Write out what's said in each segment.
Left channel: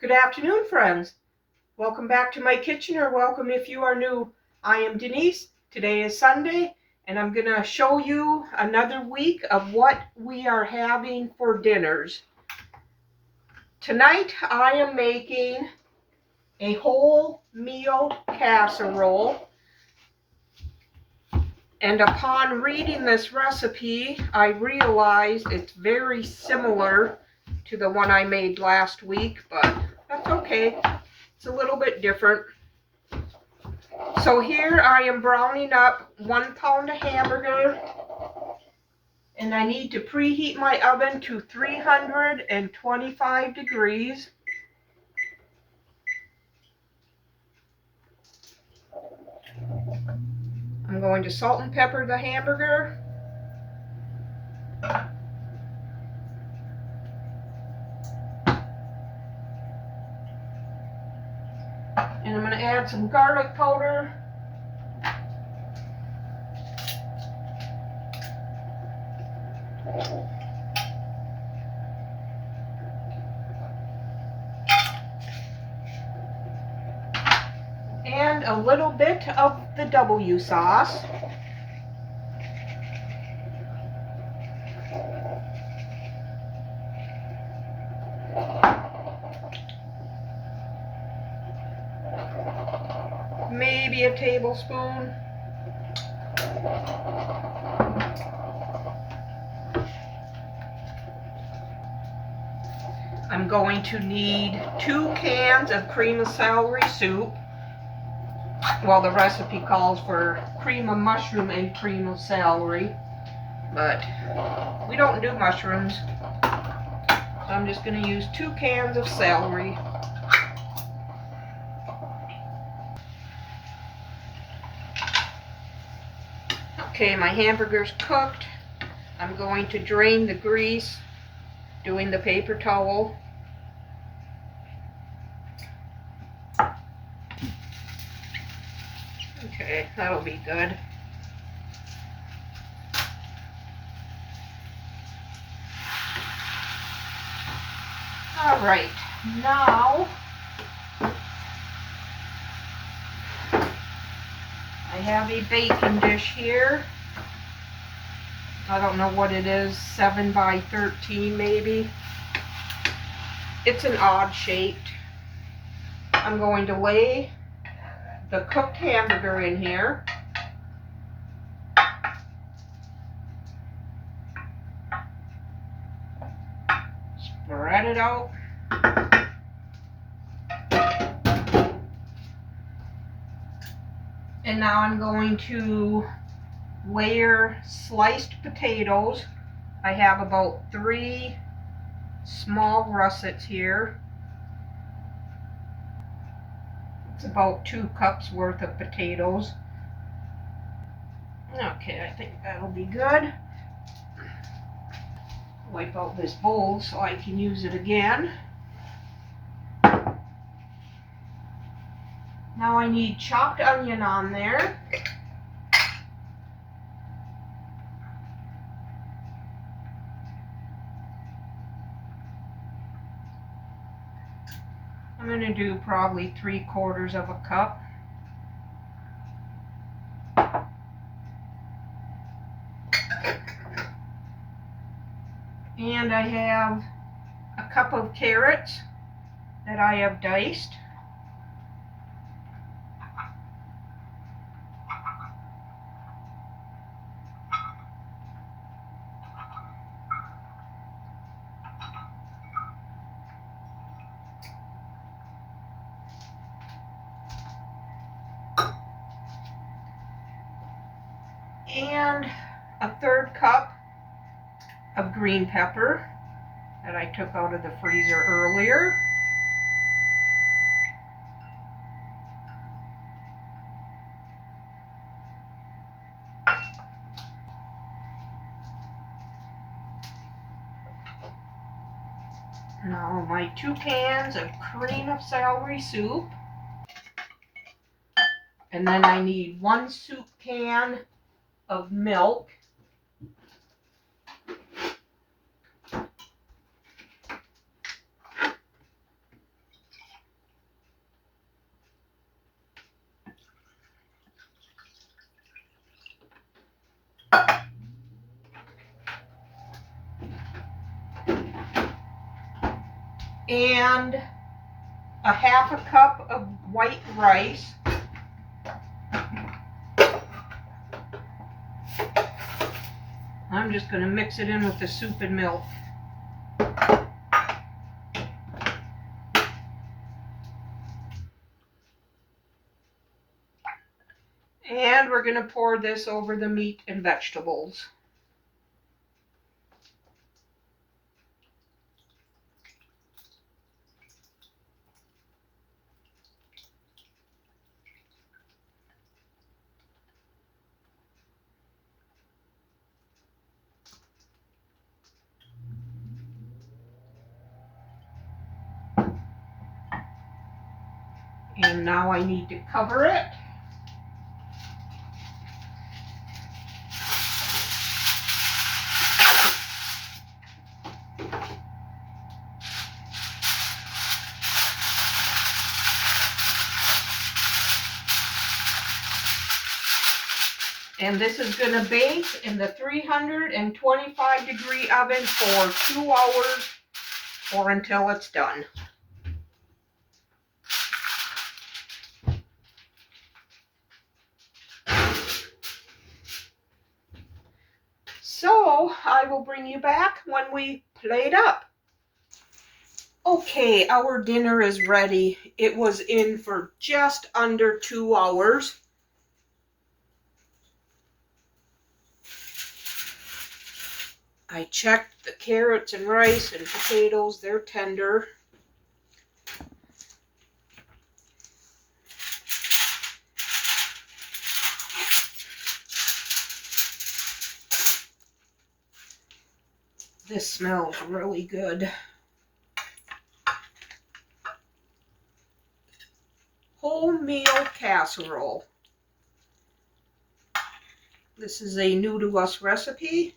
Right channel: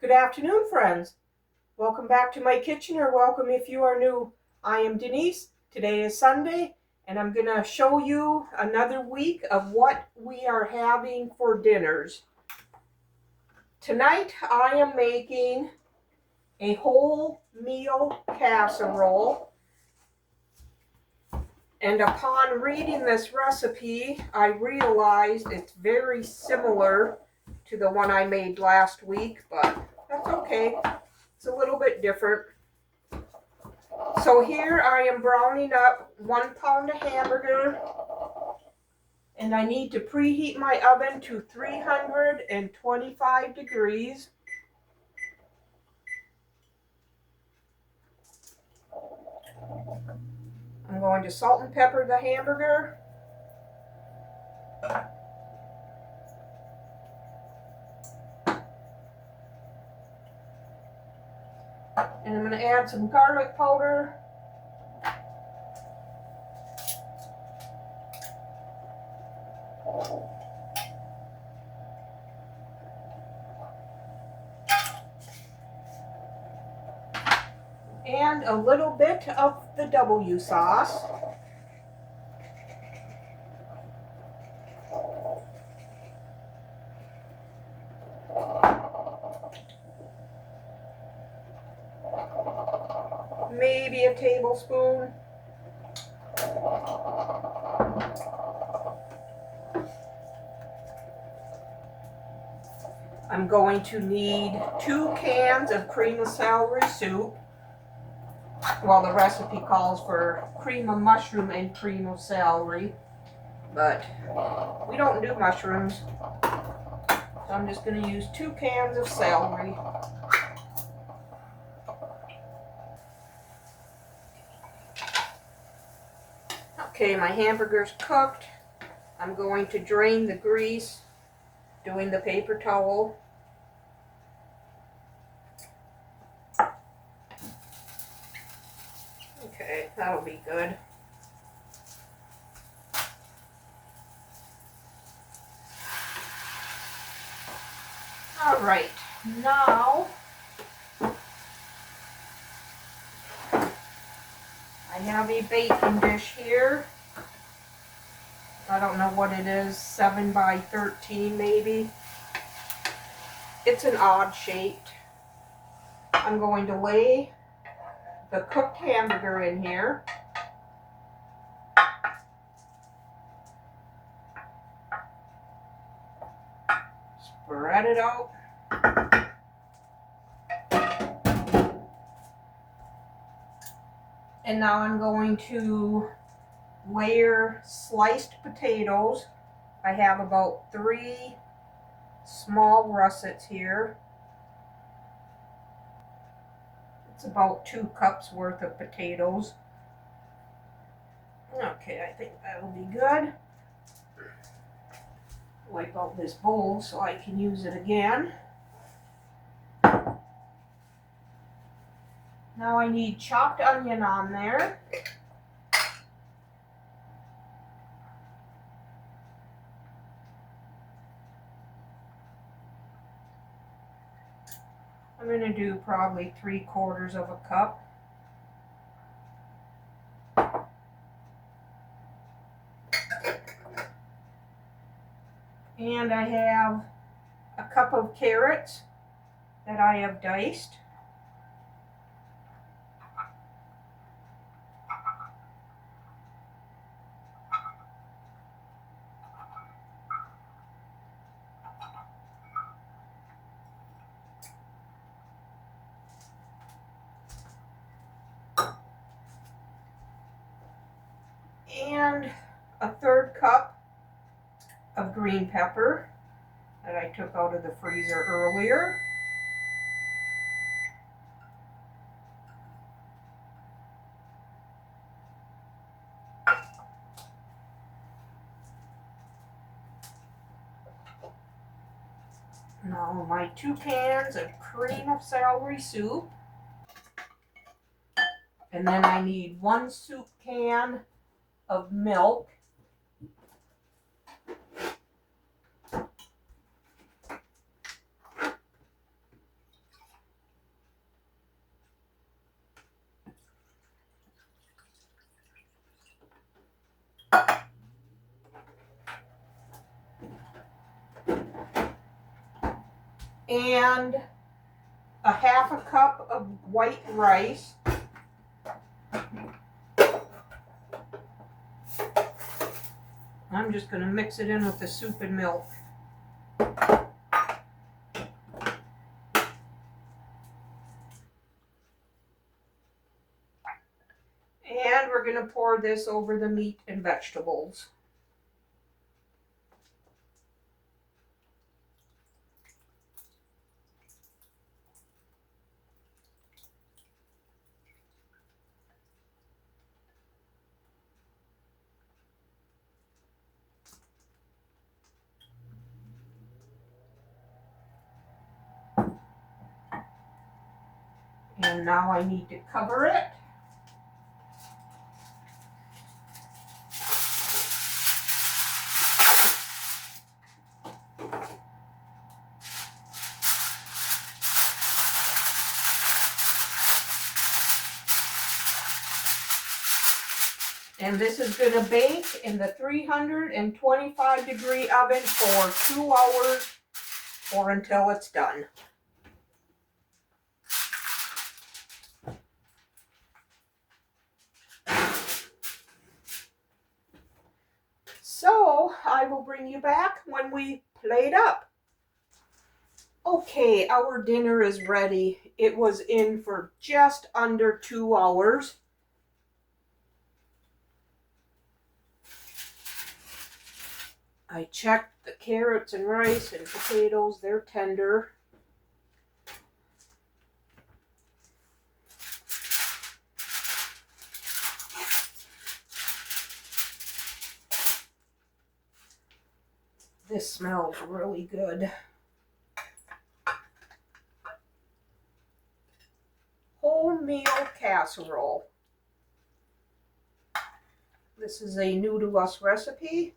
Good afternoon, friends. Welcome back to my kitchen, or welcome if you are new. I am Denise. Today is Sunday, and I'm going to show you another week of what we are having for dinners. Tonight, I am making a whole meal casserole. And upon reading this recipe, I realized it's very similar to the one I made last week, but that's okay. It's a little bit different. So here I am browning up 1 pound of hamburger, and I need to preheat my oven to 325 degrees. I'm going to salt and pepper the hamburger. And I'm going to add some garlic powder. And a little bit of the W sauce. Maybe a tablespoon. I'm going to need 2 cans of cream of celery soup. Well, the recipe calls for cream of mushroom and cream of celery, but we don't do mushrooms, so I'm just going to use 2 cans of celery. Okay, my hamburger's cooked. I'm going to drain the grease, doing the paper towel. Okay, that'll be good. All right, now I have a baking dish here. I don't know what it is, 7 by 13 maybe. It's an odd shaped. I'm going to lay the cooked hamburger in here. Spread it out. And now I'm going to layer sliced potatoes. I have about 3 small russets here. It's about 2 cups worth of potatoes. Okay, I think that'll be good. Wipe out this bowl so I can use it again. Now I need chopped onion on there. I'm going to do probably 3/4 of a cup. And I have a cup of carrots that I have diced. And a 1/3 cup of green pepper that I took out of the freezer earlier. Now my 2 cans of cream of celery soup. And then I need 1 soup can of milk. and a half a cup of white rice. I'm just going to mix it in with the soup and milk. And we're going to pour this over the meat and vegetables. And now I need to cover it. And this is going to bake in the 325-degree oven for 2 hours or until it's done. So I will bring you back when we plate up. Okay, our dinner is ready. It was in for just under 2 hours. I checked the carrots and rice and potatoes, they're tender. This smells really good. Wholemeal casserole. This is a new to us recipe.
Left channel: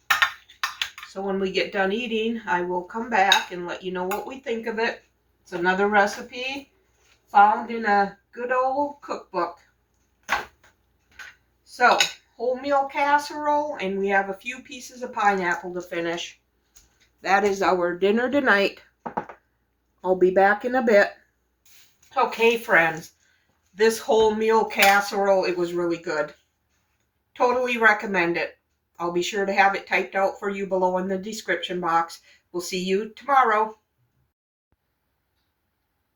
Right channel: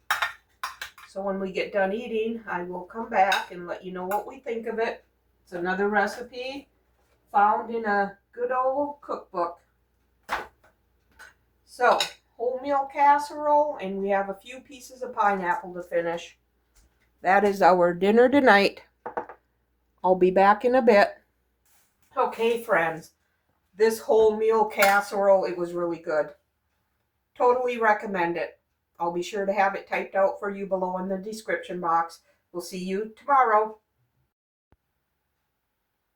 So when we get done eating, I will come back and let you know what we think of it. It's another recipe found in a good old cookbook. So, wholemeal casserole, and we have a few pieces of pineapple to finish. That is our dinner tonight. I'll be back in a bit. Okay, friends, this wholemeal casserole, it was really good. Totally recommend it. I'll be sure to have it typed out for you below in the description box. We'll see you tomorrow.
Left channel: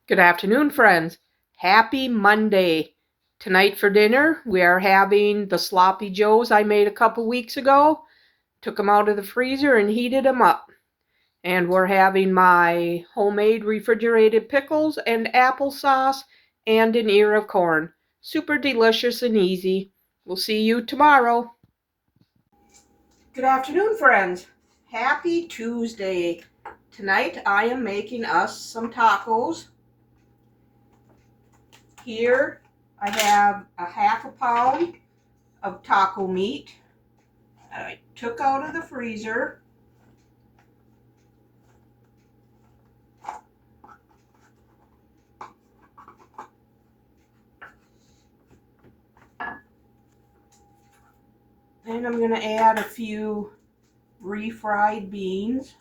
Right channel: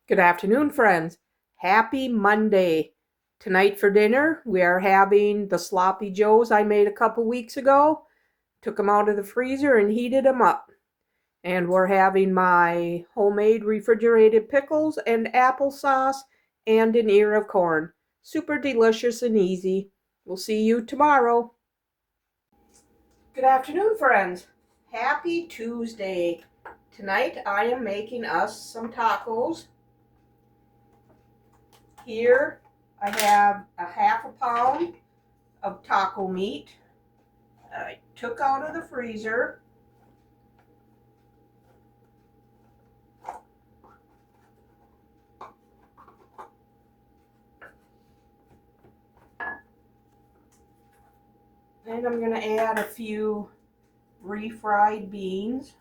Good afternoon, friends. Happy Monday. Tonight for dinner, we are having the sloppy joes I made a couple weeks ago. Took them out of the freezer and heated them up. And we're having my homemade refrigerated pickles and applesauce and an ear of corn. Super delicious and easy. We'll see you tomorrow. Good afternoon, friends. Happy Tuesday. Tonight I am making us some tacos. Here I have a half a pound of taco meat that I took out of the freezer. And I'm going to add a few refried beans.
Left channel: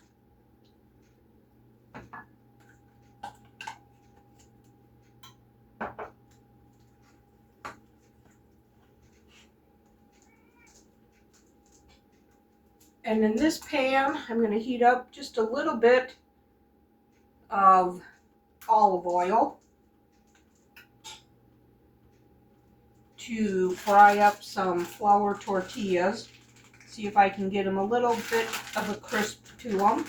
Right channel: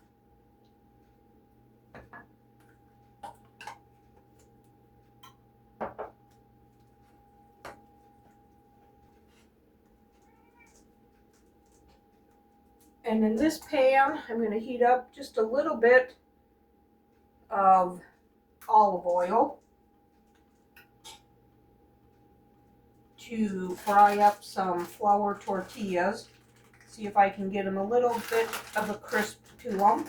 And in this pan, I'm going to heat up just a little bit of olive oil to fry up some flour tortillas. See if I can get them a little bit of a crisp to them.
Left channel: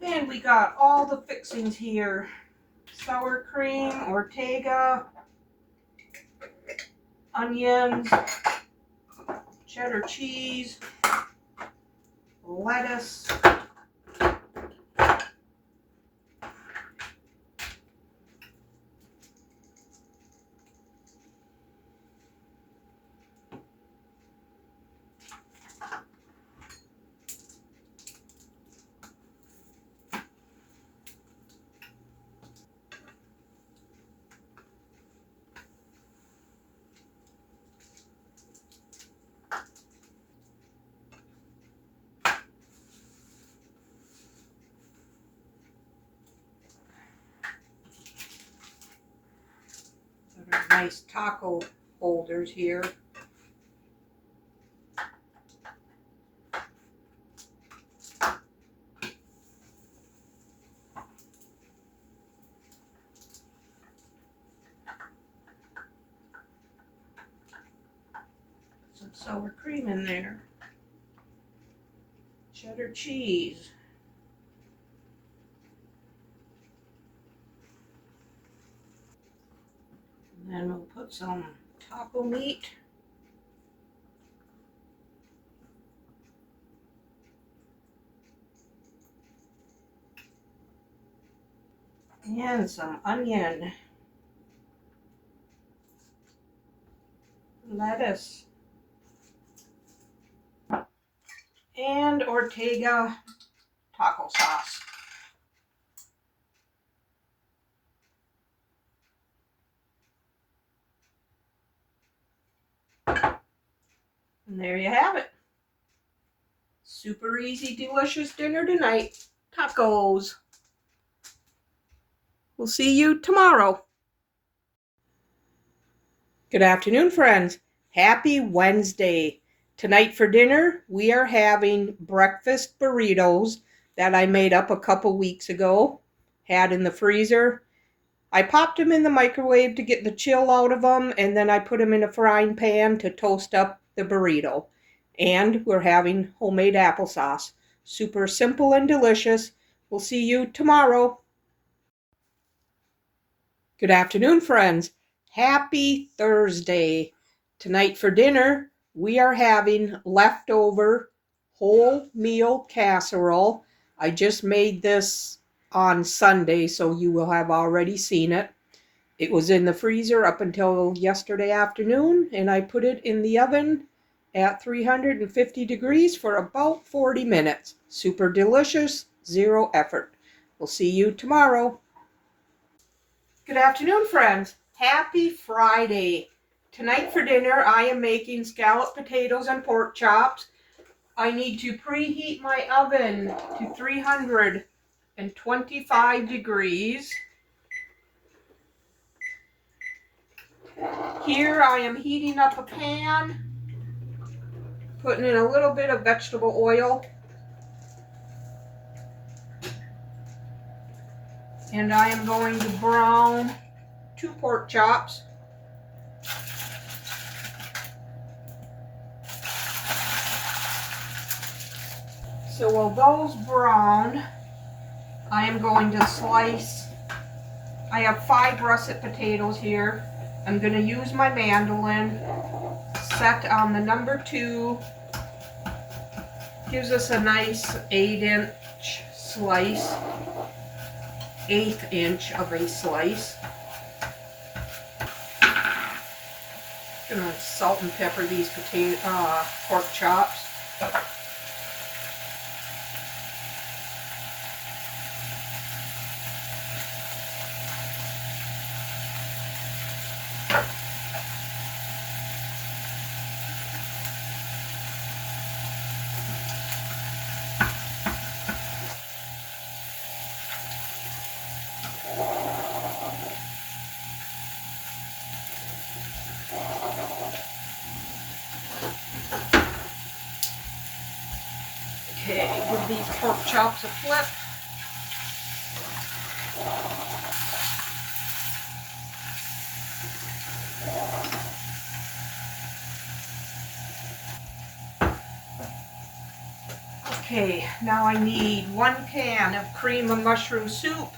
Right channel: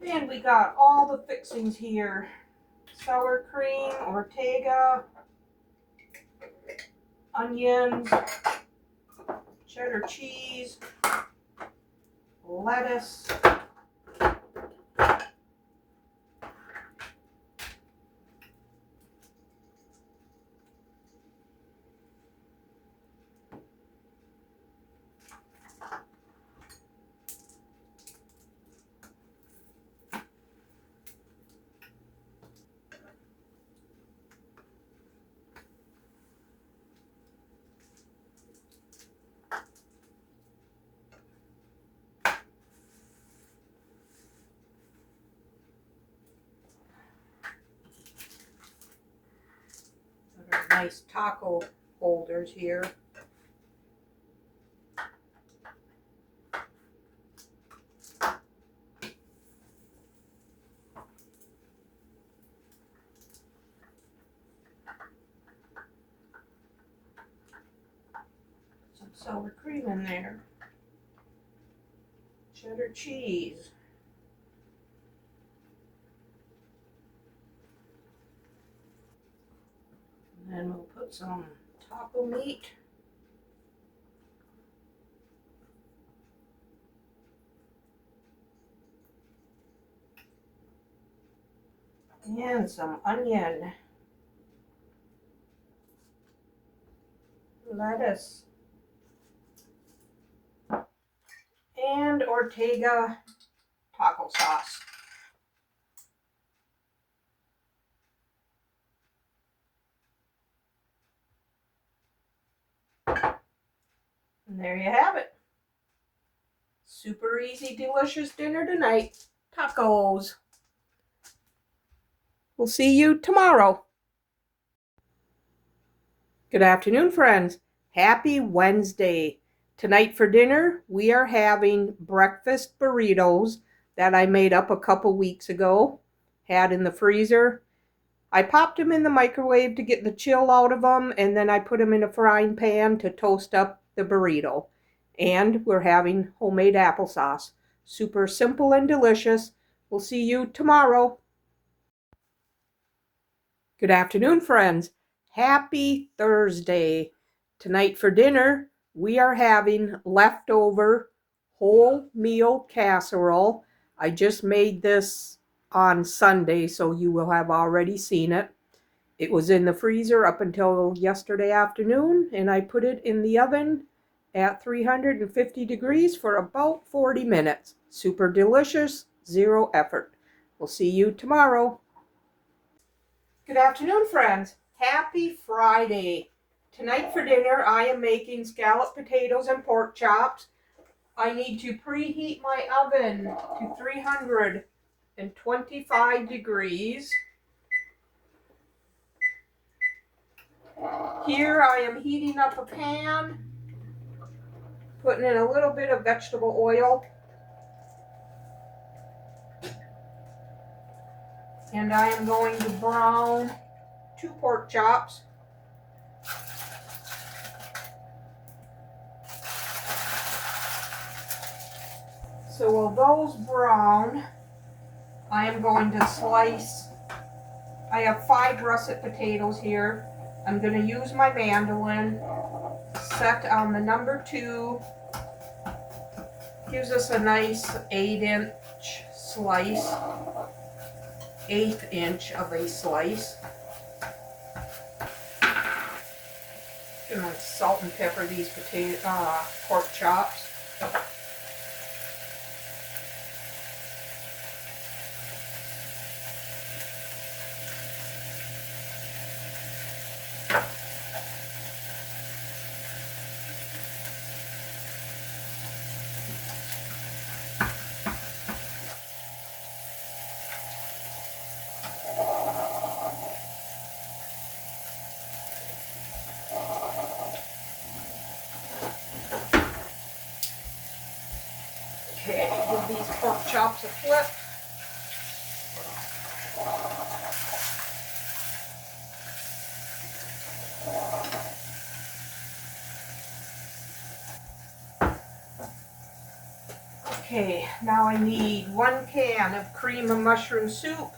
And we got all the fixings here. Sour cream, Ortega, onions, cheddar cheese, lettuce, nice taco holders here. Some sour cream in there. Cheddar cheese. And then we'll put some taco meat. And some onion. Lettuce. And Ortega taco sauce. And there you have it. Super easy, delicious dinner tonight. Tacos. We'll see you tomorrow. Good afternoon, friends. Happy Wednesday. Tonight for dinner, we are having breakfast burritos that I made up a couple weeks ago. Had in the freezer. I popped them in the microwave to get the chill out of them, and then I put them in a frying pan to toast up the burrito. And we're having homemade applesauce. Super simple and delicious. We'll see you tomorrow. Good afternoon, friends. Happy Thursday. Tonight for dinner, we are having leftover whole meal casserole. I just made this on Sunday, so you will have already seen it. It was in the freezer up until yesterday afternoon, and I put it in the oven at 350 degrees for about 40 minutes. Super delicious, zero effort. We'll see you tomorrow. Good afternoon, friends. Happy Friday. Tonight for dinner, I am making scalloped potatoes and pork chops. I need to preheat my oven to 325 degrees. Here I am heating up a pan, putting in a little bit of vegetable oil. And I am going to brown 2 pork chops. So while those brown, I am going to slice. I have 5 russet potatoes here. I'm going to use my mandolin, set on the number 2. Gives us a nice 8-inch slice, 1/8 inch of a slice. I'm going to salt and pepper these pork chops. Okay, give these pork chops a flip. Okay, now I need 1 can of cream of mushroom soup,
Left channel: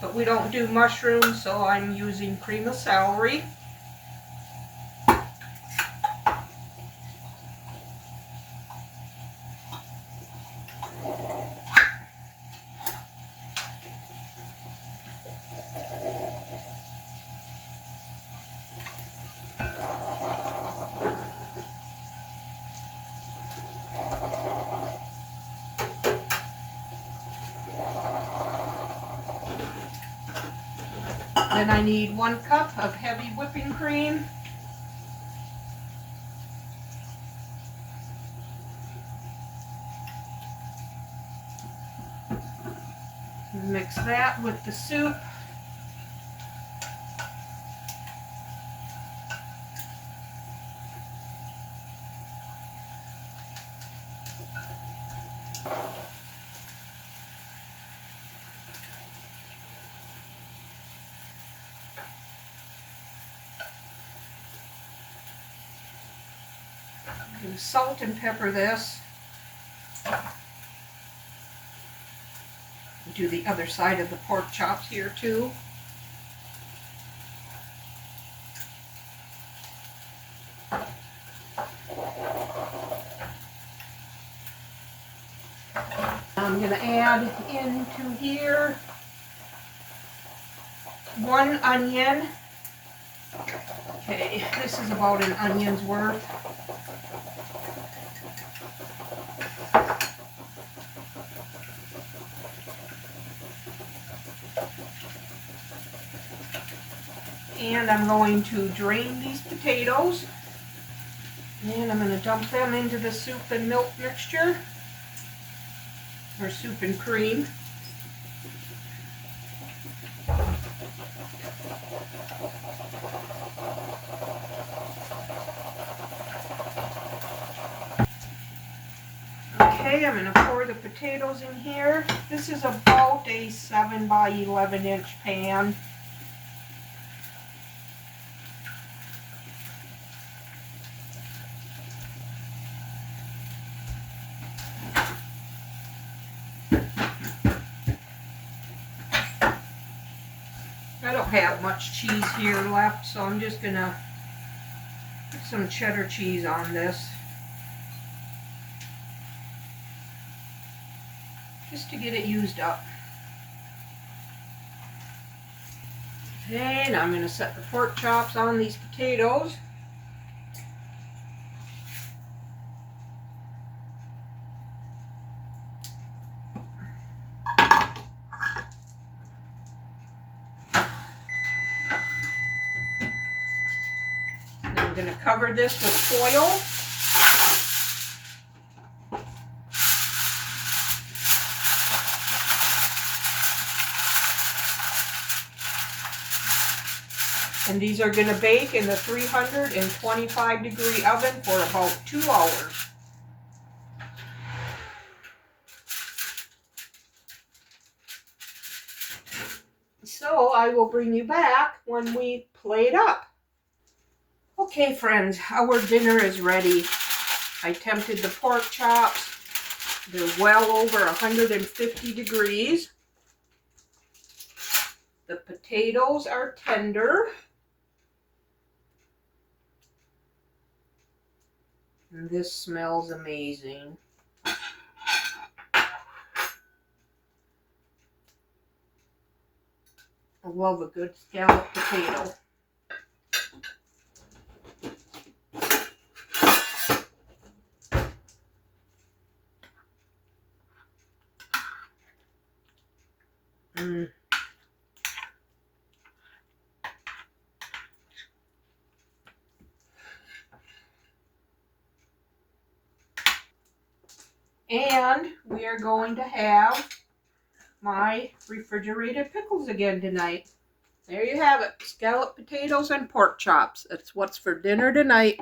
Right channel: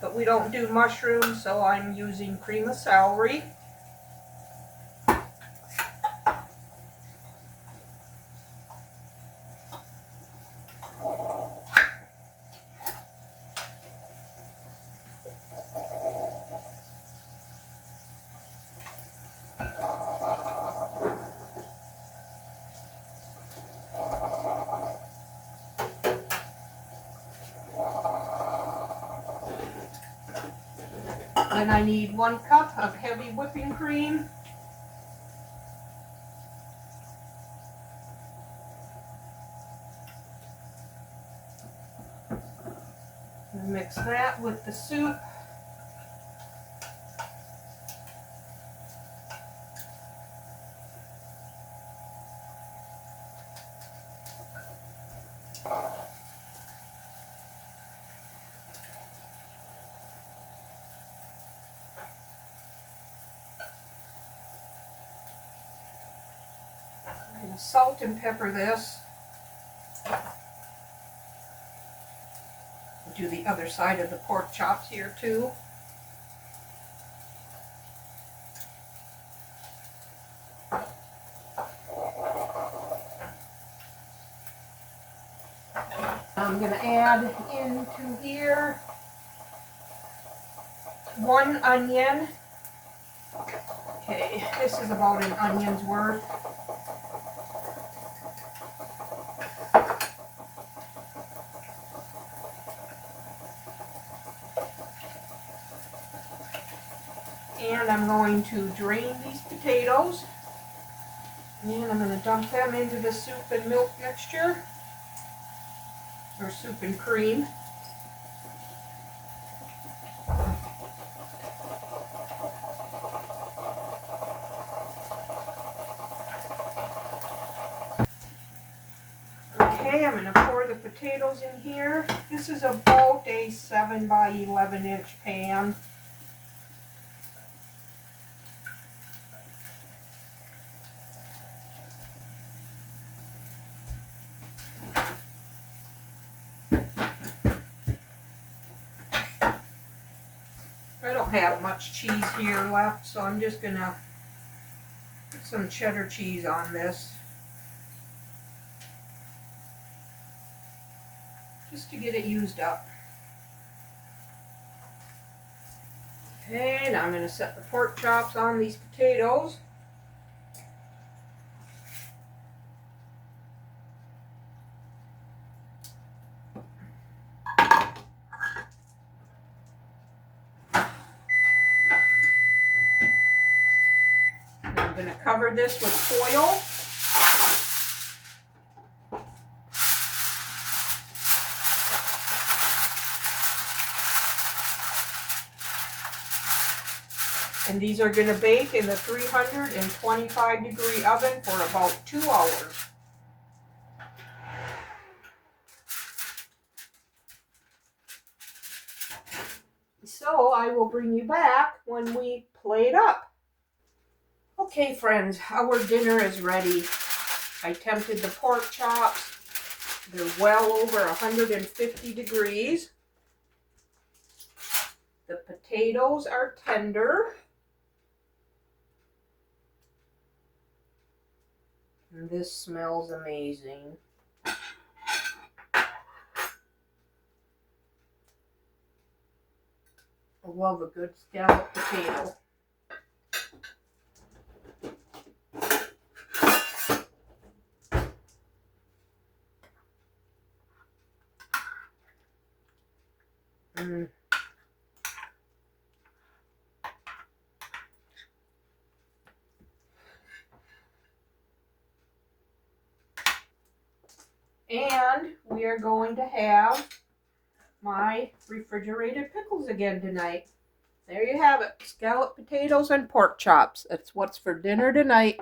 but we don't do mushrooms, so I'm using cream of celery. Then I need 1 cup of heavy whipping cream. Mix that with the soup. I'm going to salt and pepper this. Do the other side of the pork chops here too. I'm going to add into here 1 onion. Okay, this is about an onion's worth. And I'm going to drain these potatoes. And I'm going to dump them into the soup and milk mixture. Or soup and cream. Okay, I'm going to pour the potatoes in here. This is about a 7 by 11 inch pan. I don't have much cheese here left, so I'm just going to put some cheddar cheese on this. Just to get it used up. Okay, now I'm going to set the pork chops on these potatoes. I'm going to cover this with foil. And these are going to bake in the 325 degree oven for about 2 hours. So I will bring you back when we plate up. Okay friends, our dinner is ready. I tempted the pork chops. They're well over 150 degrees. The potatoes are tender. And this smells amazing. I love a good scalloped potato. And we are going to have my refrigerated pickles again tonight. There you have it. Scalloped potatoes and pork chops. That's what's for dinner tonight.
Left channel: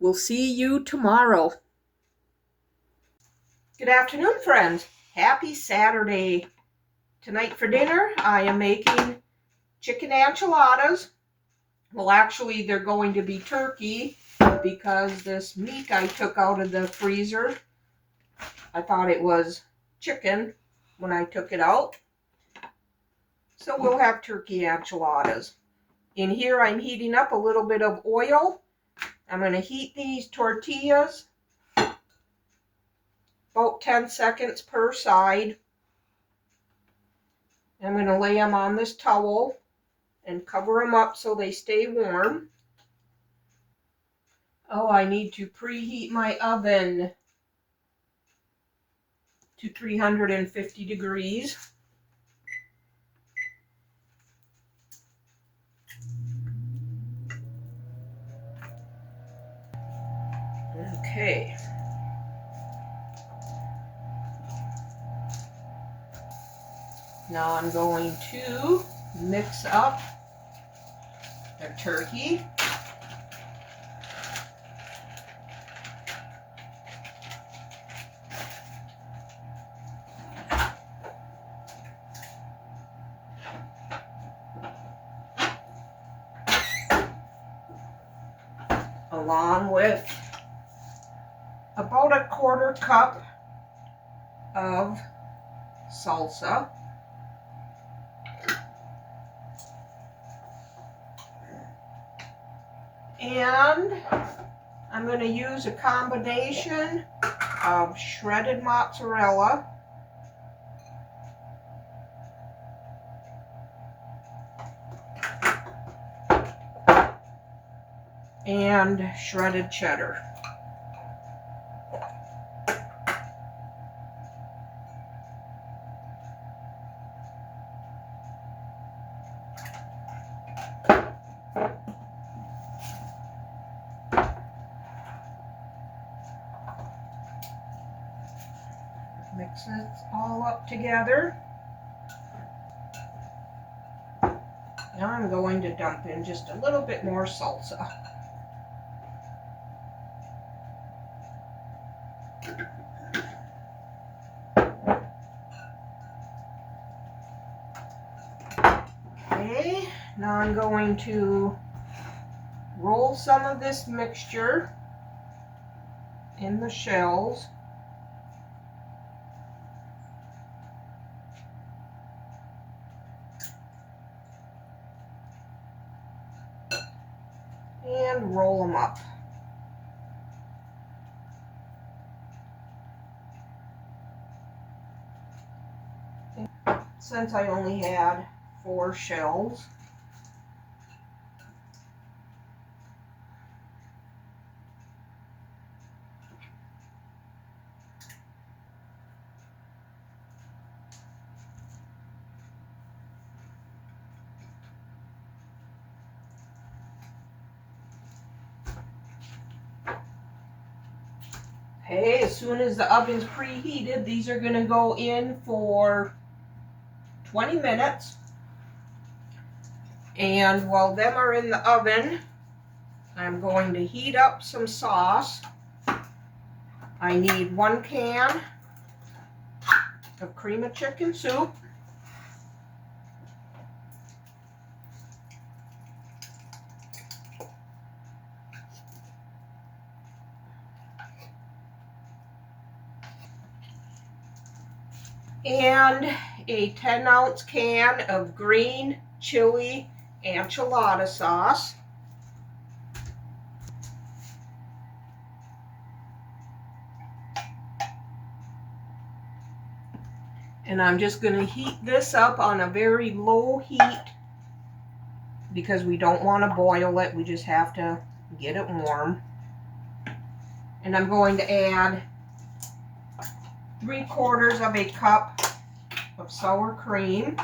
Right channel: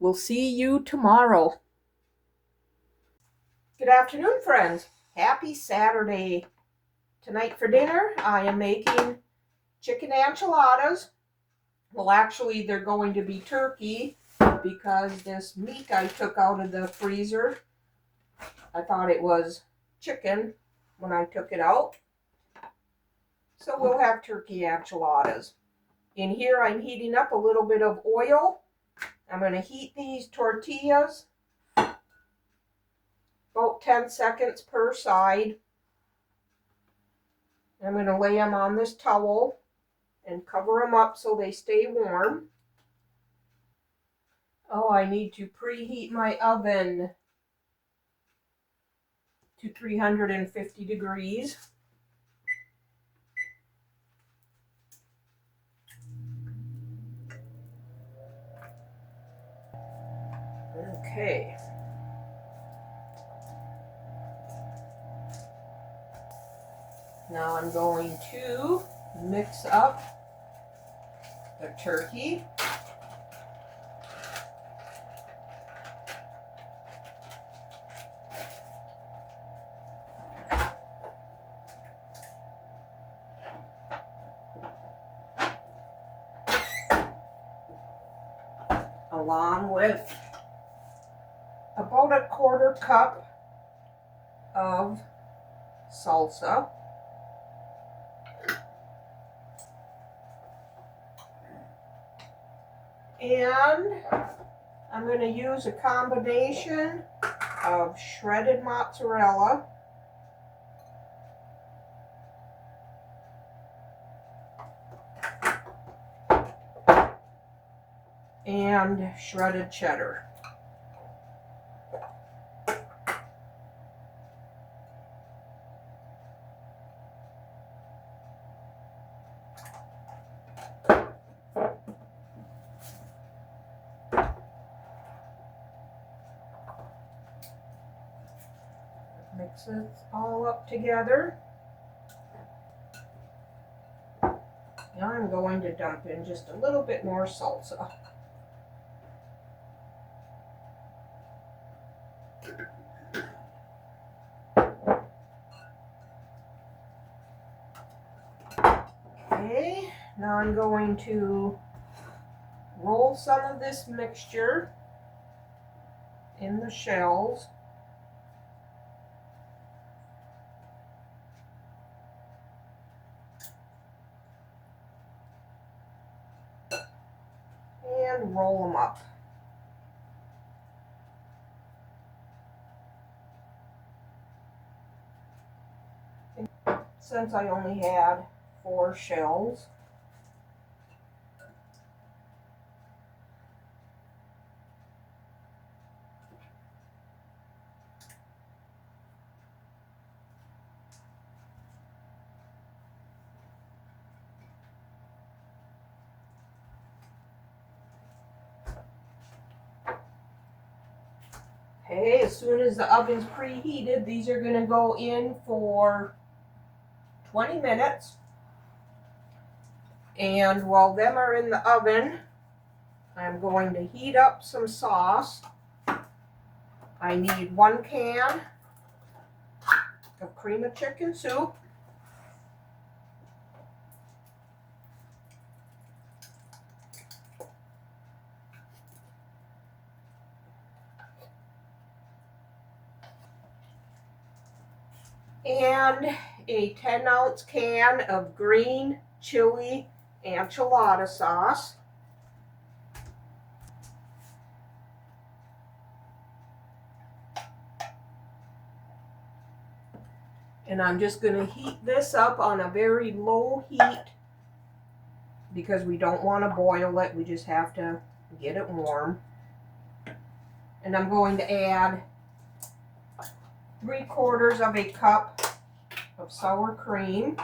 We'll see you tomorrow. Good afternoon, friends. Happy Saturday. Tonight for dinner, I am making chicken enchiladas. Well, actually, they're going to be turkey because this meat I took out of the freezer, I thought it was chicken when I took it out. So we'll have turkey enchiladas. In here, I'm heating up a little bit of oil. I'm going to heat these tortillas about 10 seconds per side. I'm going to lay them on this towel and cover them up so they stay warm. Oh, I need to preheat my oven to 350 degrees. Okay. Now I'm going to mix up the turkey. along with about a 1/4 cup of salsa. And I'm going to use a combination of shredded mozzarella and shredded cheddar. Mix it all up together. Now I'm going to dump in just a little bit more salsa. Okay, now I'm going to roll some of this mixture in the shells. And roll them up. Since I only had 4 shells, okay, as soon as the oven's preheated, these are going to go in for 20 minutes. And while them are in the oven, I'm going to heat up some sauce. I need 1 can of cream of chicken soup. And a 10-ounce can of green chili enchilada sauce. And I'm just going to heat this up on a very low heat because we don't want to boil it. We just have to get it warm. And I'm going to add 3/4 of a cup of sour cream.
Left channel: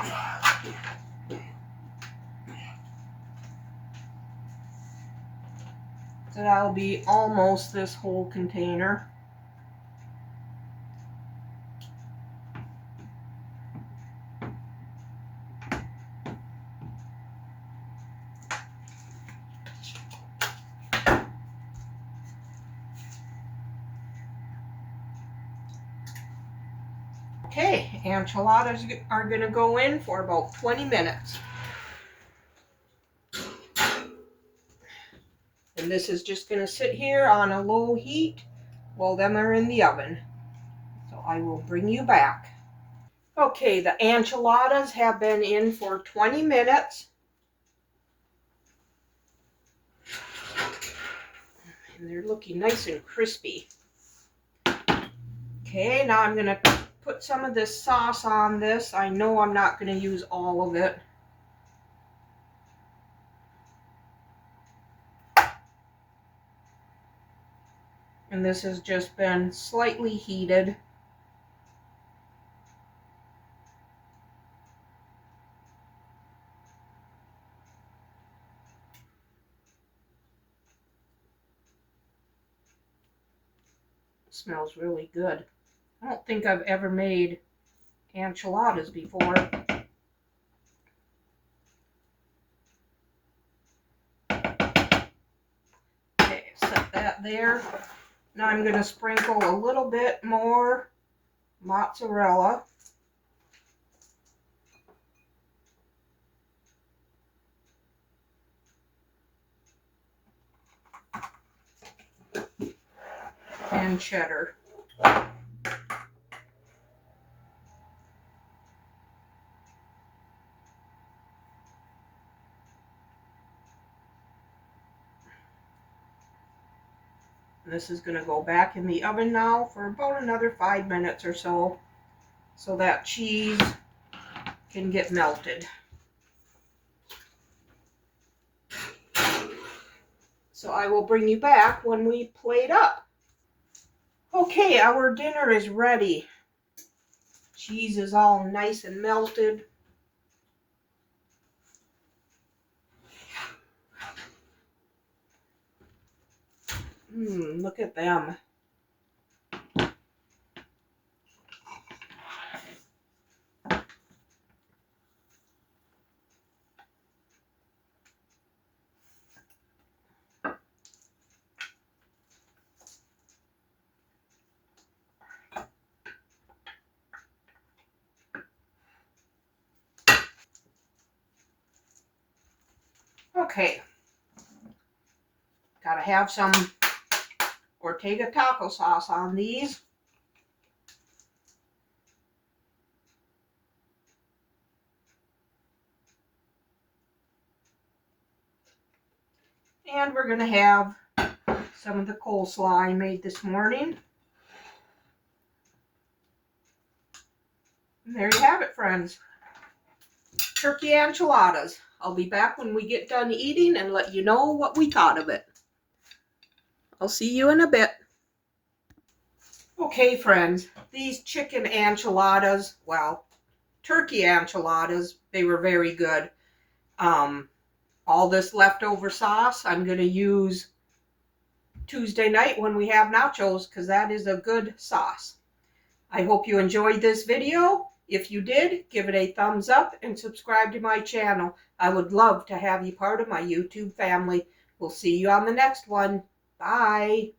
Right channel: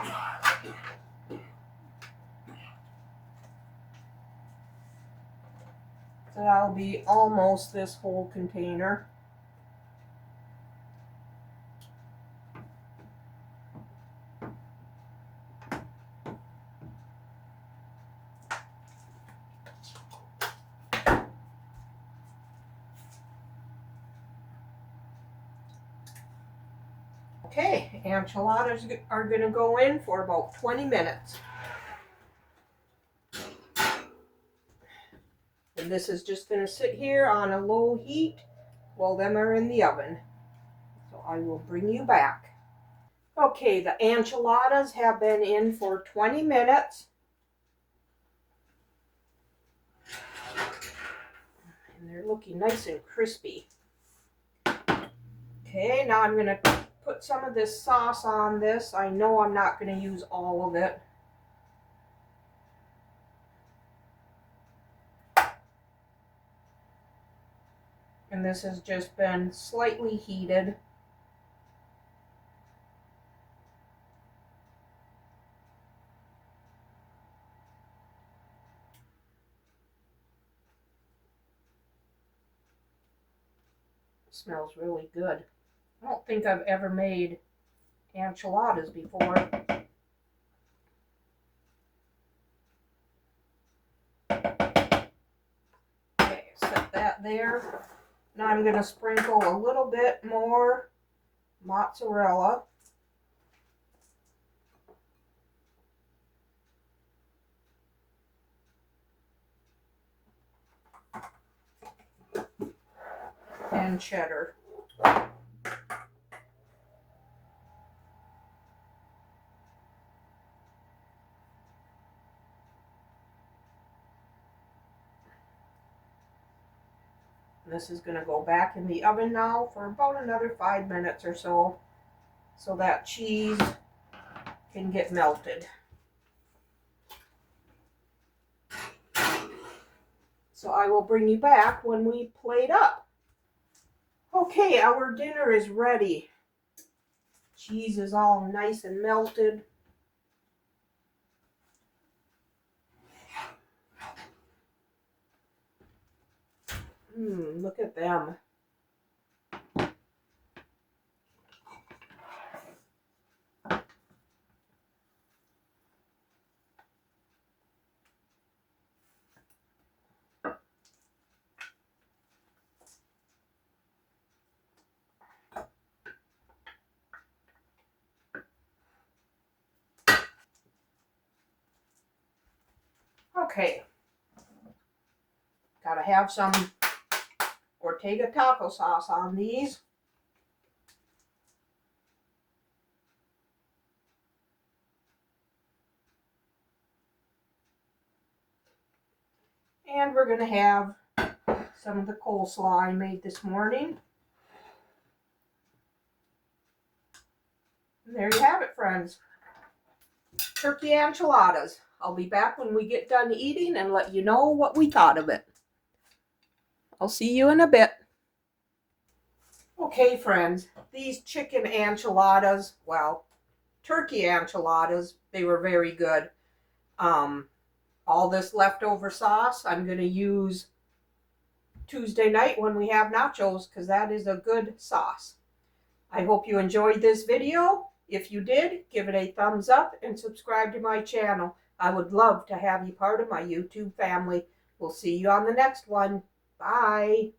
So that'll be almost this whole container. Okay, enchiladas are going to go in for about 20 minutes. And this is just going to sit here on a low heat while them are in the oven. So I will bring you back. Okay, the enchiladas have been in for 20 minutes. And they're looking nice and crispy. Okay, now I'm going to put some of this sauce on this. I know I'm not going to use all of it. And this has just been slightly heated. It smells really good. I don't think I've ever made enchiladas before. Okay, set that there. Now I'm going to sprinkle a little bit more mozzarella. and cheddar. This is going to go back in the oven now for about another 5 minutes or so that cheese can get melted. So I will bring you back when we plate up. Okay, our dinner is ready. Cheese is all nice and melted. Look at them. Okay, gotta have some Ortega taco sauce on these. And we're gonna have some of the coleslaw I made this morning. And there you have it, friends. Turkey enchiladas. I'll be back when we get done eating and let you know what we thought of it. I'll see you in a bit. Okay, friends, these chicken enchiladas, well, turkey enchiladas, they were very good. All this leftover sauce I'm going to use Tuesday night when we have nachos because that is a good sauce. I hope you enjoyed this video. If you did, give it a thumbs up and subscribe to my channel. I would love to have you part of my YouTube family. We'll see you on the next one. Bye.